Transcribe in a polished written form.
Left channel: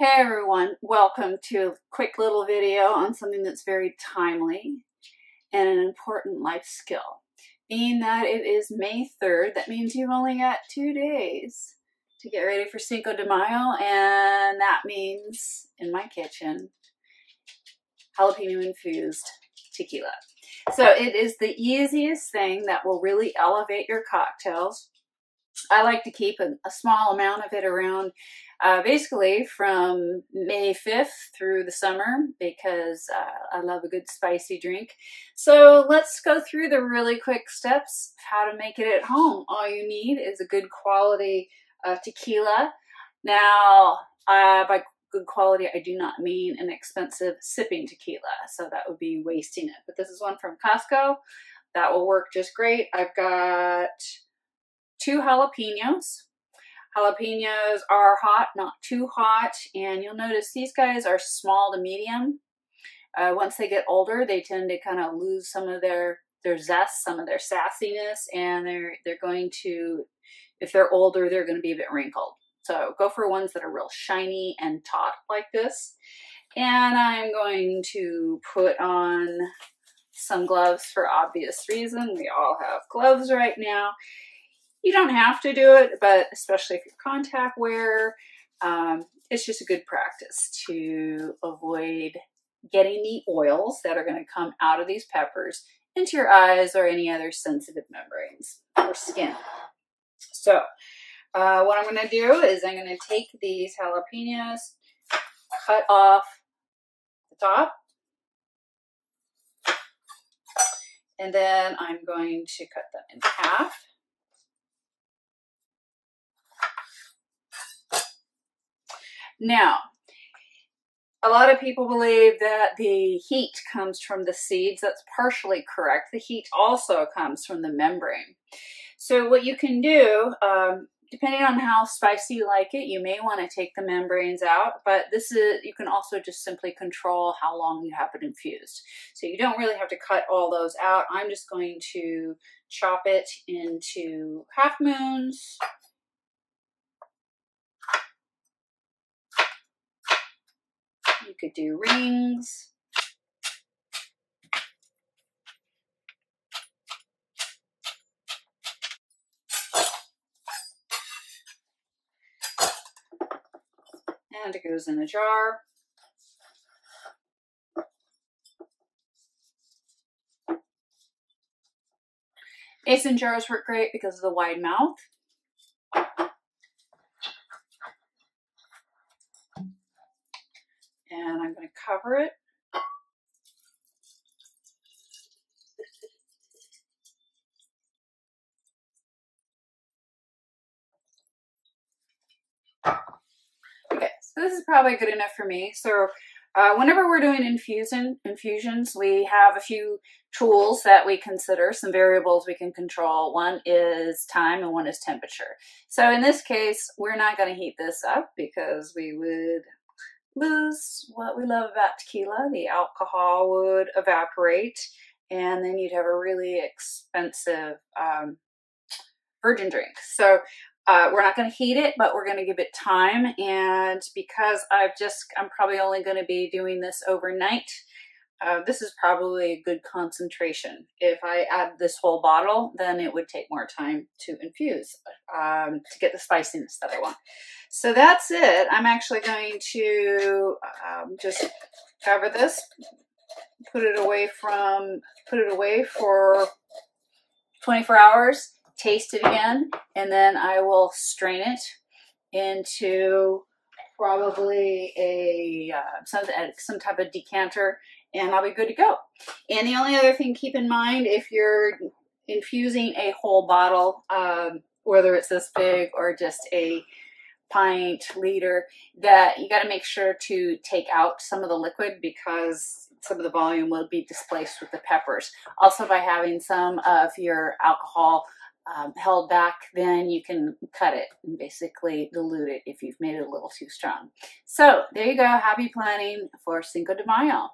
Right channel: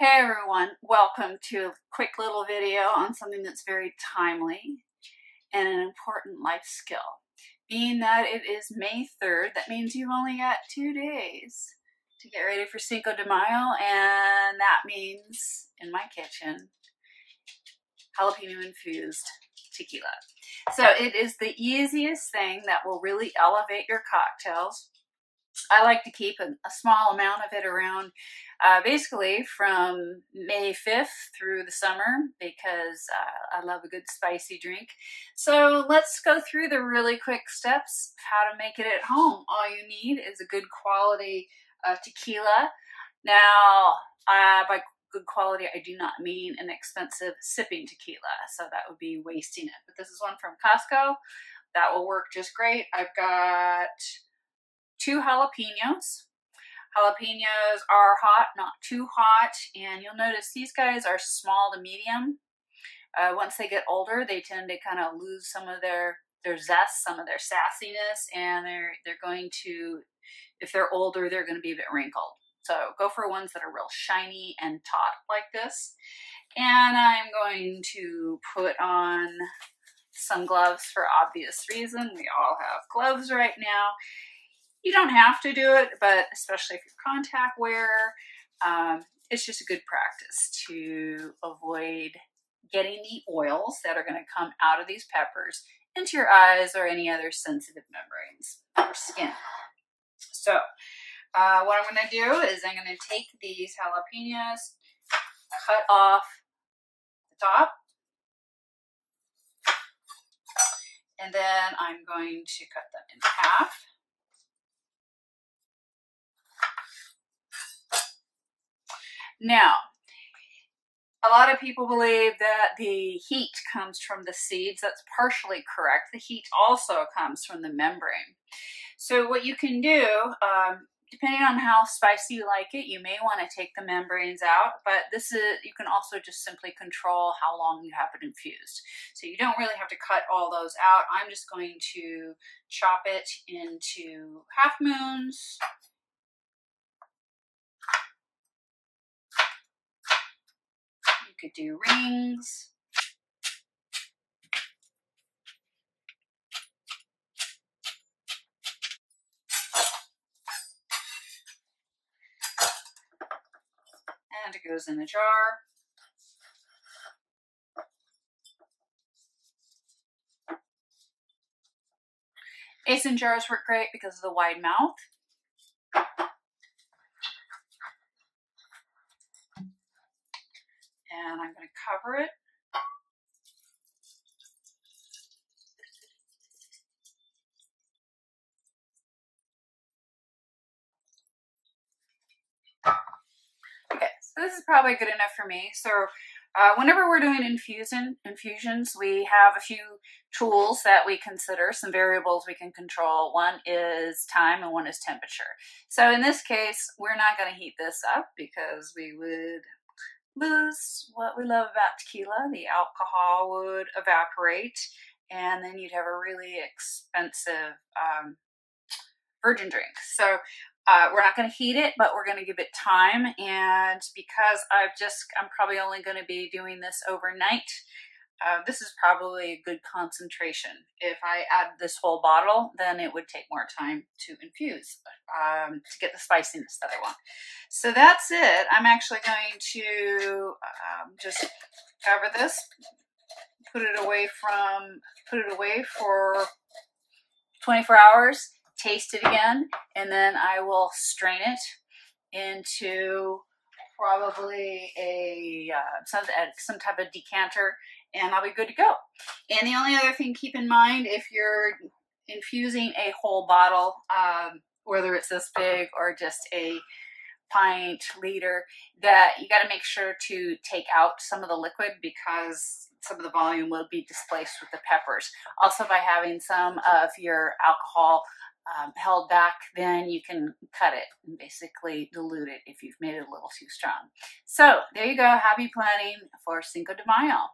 Hey everyone, welcome to a quick little video on something that's very timely and an important life skill. Being that it is May 3rd, that means you've only got 2 days to get ready for Cinco de Mayo, and that means, in my kitchen, jalapeno-infused tequila. So it is the easiest thing that will really elevate your cocktails. I like to keep a small amount of it around basically from May 5th through the summer because I love a good spicy drink. So let's go through the really quick steps how to make it at home. All you need is a good quality tequila. Now, by good quality, I do not mean an expensive sipping tequila, so that would be wasting it. But this is one from Costco. That will work just great. I've got 2 jalapenos. Jalapenos are hot, not too hot, and you'll notice these guys are small to medium. Once they get older, they tend to kind of lose some of their zest, some of their sassiness, and they're going to, if they're older, they're going to be a bit wrinkled. So go for ones that are real shiny and taut like this. And I'm going to put on some gloves for obvious reason. We all have gloves right now. You don't have to do it, but especially if you're contact wearer, it's just a good practice to avoid getting the oils that are going to come out of these peppers into your eyes or any other sensitive membranes or skin. So what I'm going to do is I'm going to take these jalapenos, cut off the top, and then I'm going to cut them in half. Now, a lot of people believe that the heat comes from the seeds. That's partially correct. The heat also comes from the membrane. So what you can do, depending on how spicy you like it, you may want to take the membranes out, but you can also just simply control how long you have it infused. So you don't really have to cut all those out. I'm just going to chop it into half moons. You could do rings. And it goes in a jar. Mason jars work great because of the wide mouth. And I'm going to cover it. Okay, so this is probably good enough for me. So whenever we're doing infusions, we have a few tools that we consider, some variables we can control. One is time and one is temperature. So in this case, we're not going to heat this up because we would lose what we love about tequila. The alcohol would evaporate, and then you'd have a really expensive virgin drink. So we're not going to heat it, but we're going to give it time. And because I'm probably only going to be doing this overnight, this is probably a good concentration. If I add this whole bottle, then it would take more time to infuse to get the spiciness that I want. So that's it. I'm actually going to just cover this, put it away for 24 hours, taste it again, and then I will strain it into probably some type of decanter, and I'll be good to go. And the only other thing, keep in mind, if you're infusing a whole bottle, whether it's this big or just a pint, liter, that you got to make sure to take out some of the liquid because some of the volume will be displaced with the peppers. Also, by having some of your alcohol held back, then you can cut it and basically dilute it if you've made it a little too strong. So there you go. Happy planning for Cinco de Mayo.